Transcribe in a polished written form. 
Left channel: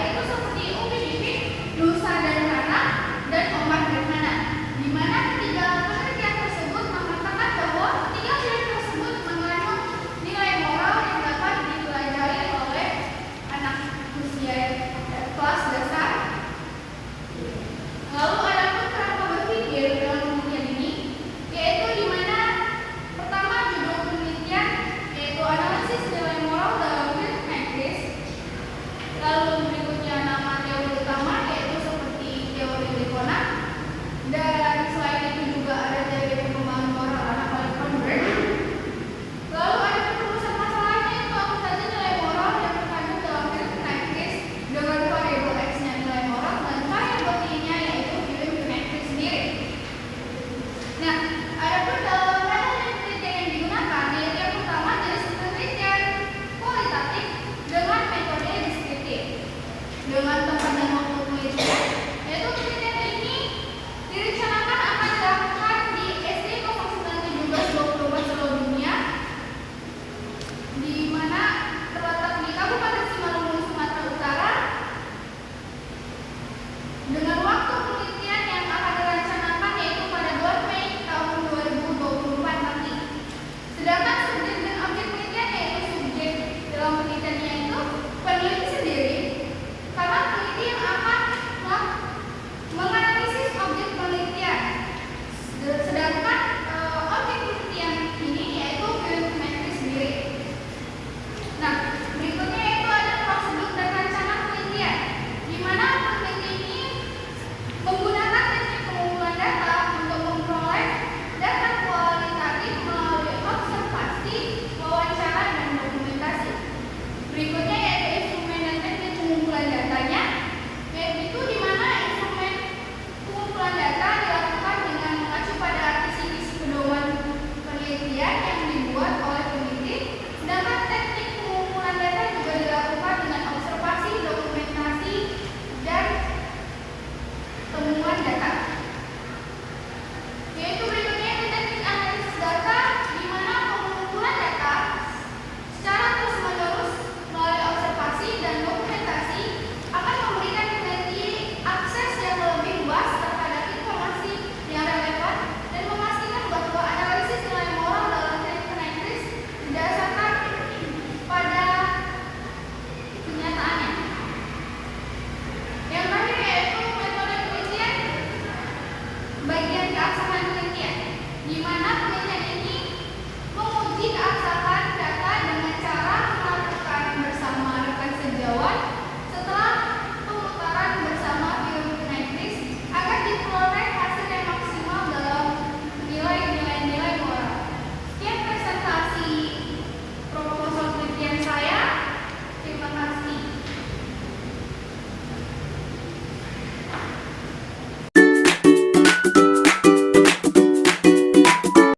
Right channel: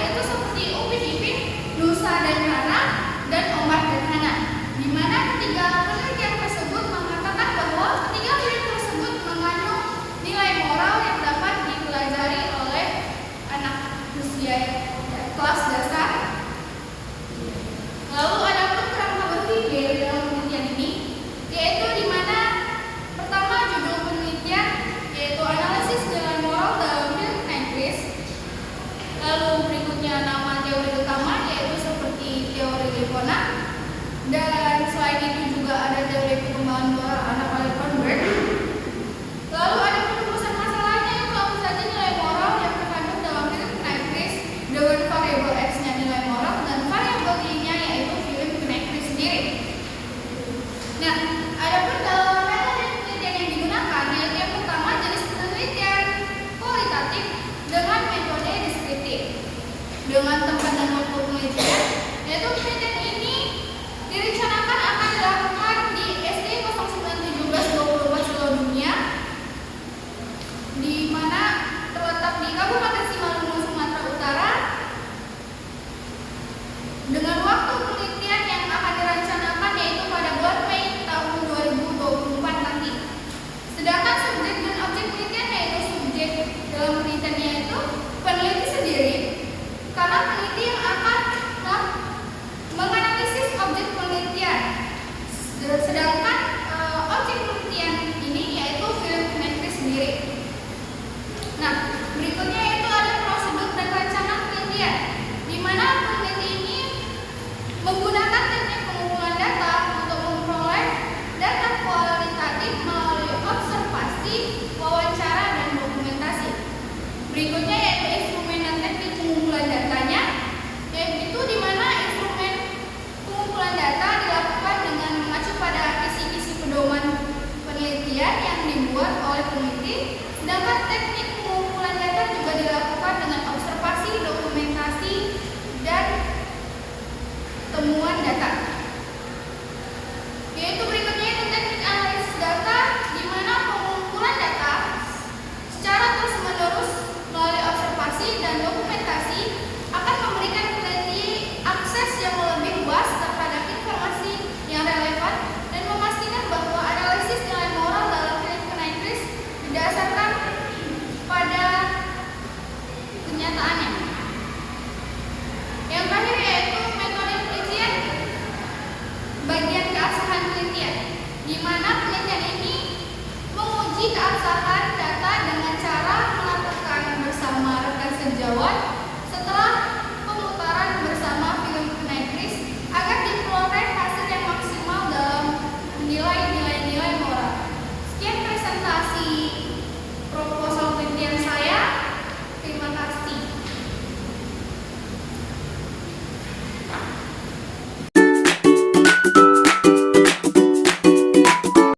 yaitu seperti Upin Ipin, Nusa dan Rara, dan Ombak dan Hana. Di mana ketiga penelitian tersebut mengatakan bahwa ketiga film tersebut mengandung nilai moral yang dapat dipelajari oleh anak usia kelas dasar. Lalu ada pun kerangka berpikir dalam penelitian ini, yaitu di mana pertama judul penelitian yaitu analisis nilai moral dalam film Negris. Lalu berikutnya nama teori utama yaitu seperti teori Likona, dan selain itu juga ada teori perkembangan moral anak Convert. Lalu ada penjelasan masalahnya yaitu apa saja nilai moral yang terkandung dalam film Negris dengan variabel X-nya nilai moral dan variabel Y-nya yaitu film Negris sendiri. Nah, ada pun dalam metode penelitian yang digunakan yaitu yang pertama jenis penelitian kualitatif dengan metode deskriptif. Dengan tempat dan waktu penelitian yaitu